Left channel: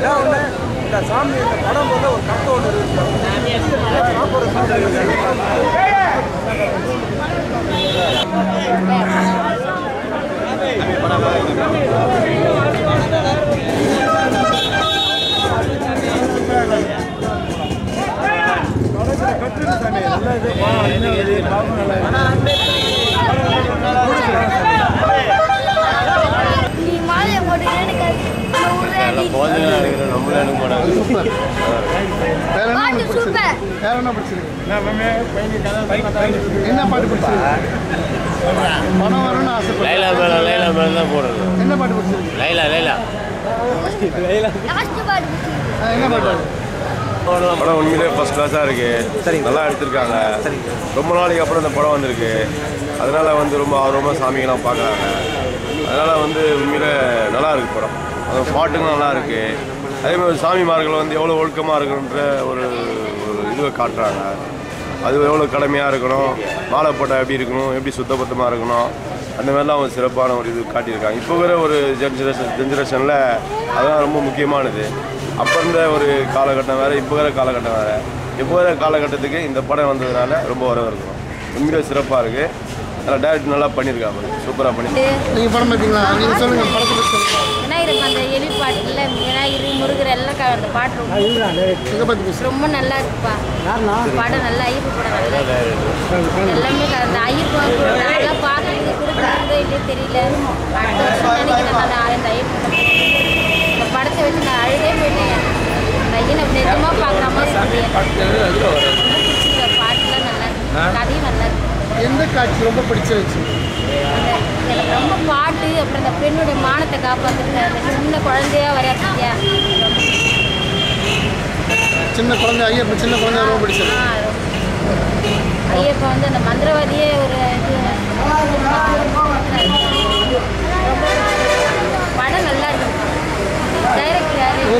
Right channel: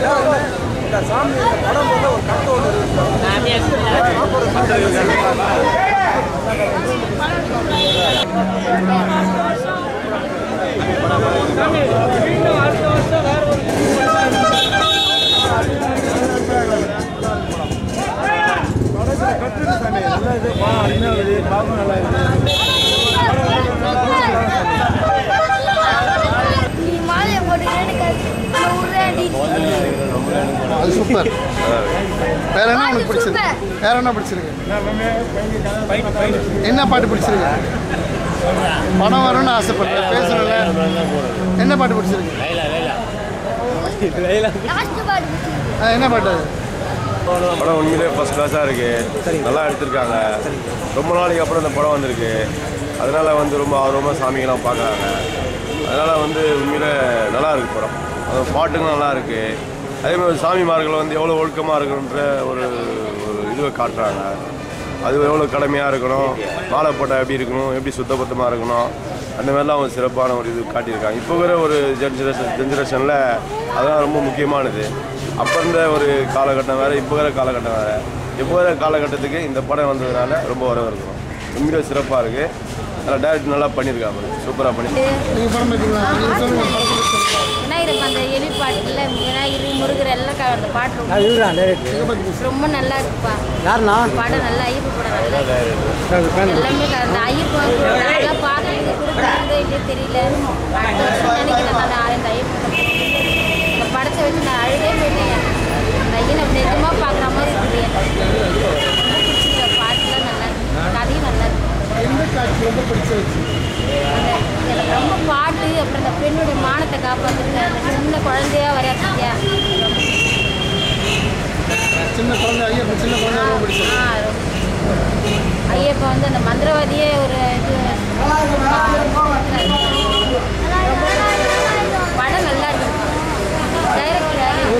இந்த சாமி இந்த படம் வந்து ஒரு கருத்து ஒன்று என்ன பாட்டு பிடிச்சிருக்கு? பணம் வரும்னு ஆசைப்படுறேன். என்ன பாட்டு பிடிச்சிருக்கு? என்ன பாட்டு? படம் உண்மையிலே ஃபர்ஸ்ட் கிளாஸாக இருக்குது. நல்லா எடுத்திருக்காங்க. ரொம்ப நாளைக்கு அப்புறம் இந்த படம் வந்திருக்கு. அதனால் வந்து ரொம்ப ஆர்வமாக சாமிகள்லாம் பார்க்குறாங்க. அதனால் வந்து உண்மையிலே நல்லா இருக்குது படம். அது பாட்டுங்களும் நல்லா இருக்குது. அதேமாதிரி சாமிமார்கள் வந்து எவ்வளோ ஒழுக்கமாக இருக்கணுன்ற ஒரு இதுவை காட்டுறாங்க. அது எவ்வளோ கடமையாக இருக்கணும், மாலை போட்டால் எப்படி இருக்கணும், எப்படி சுத்தபத்தமாக இருக்கணும், அந்த மாதிரிலாம் அவங்க சிறப்பான ஒரு இது காட்டியிருக்காங்க. இப்போ வர ஒரு ஜென்ரேஷனில் அதெல்லாம் ரொம்ப முக்கியமானது. அப்போ இருந்த ஒரு காலகட்டம் வேறு, இப்போ வர காலகட்டம் வேறு. இப்போ வர காலகட்டத்துக்கு இந்த படம் வந்ததுனால ரொம்ப வரவேற்கிறோம். உண்மையிலே சிறப்பாக இருக்குது. அதில் டேரக்ட் நல்லா பண்ணியிருக்காங்க. சூப்பராக பண்ணியிருக்காங்க. நீங்கள் படம் பார்த்தீங்களா? நீங்கள் சொல்லுங்கள். விநாயகர் அந்த எலி பாட்டில் விநாயகர் முருகர் எல்லாம் அந்த பாட்டு ரொம்ப நல்லா இருக்குப்பா. படம் நல்லா ஐயப்ப படம் நல்லா எல்லாமே அந்த ஐயப்பன் நல்லா பார்க்கறது கொடுக்குறதோ இல்லையே தெரியல. அடுத்த வருஷம் நினைக்கிறேன் நான் இந்த ஐயப்பன் இந்த படத்தை வச்சு நான் அழுதே போயிட்டேன். ஐயனை நிஜமாக பார்க்குற மாதிரி இருக்குது. ரொம்ப பிடிச்சிருக்க பாட்டுலாம் நல்லா இருக்கு, கதையும் நல்லா இருக்கு. எந்த காட்சி ரொம்ப பிடிச்சிருச்சு? எனக்கு ரொம்ப பாட்டு, அப்புறம் அந்த பெண்ணுடைய மானத்தை காப்பாற்றுருக்க அந்த சின்ன குழந்தையா வரையாத்தியா சின்ன குழந்தை ஐயப்பன் சின்ன குழந்தை ரொம்ப பிடிச்சது. ஐயப்பன் வந்து அந்த மந்திரவாதியே ஒரு இது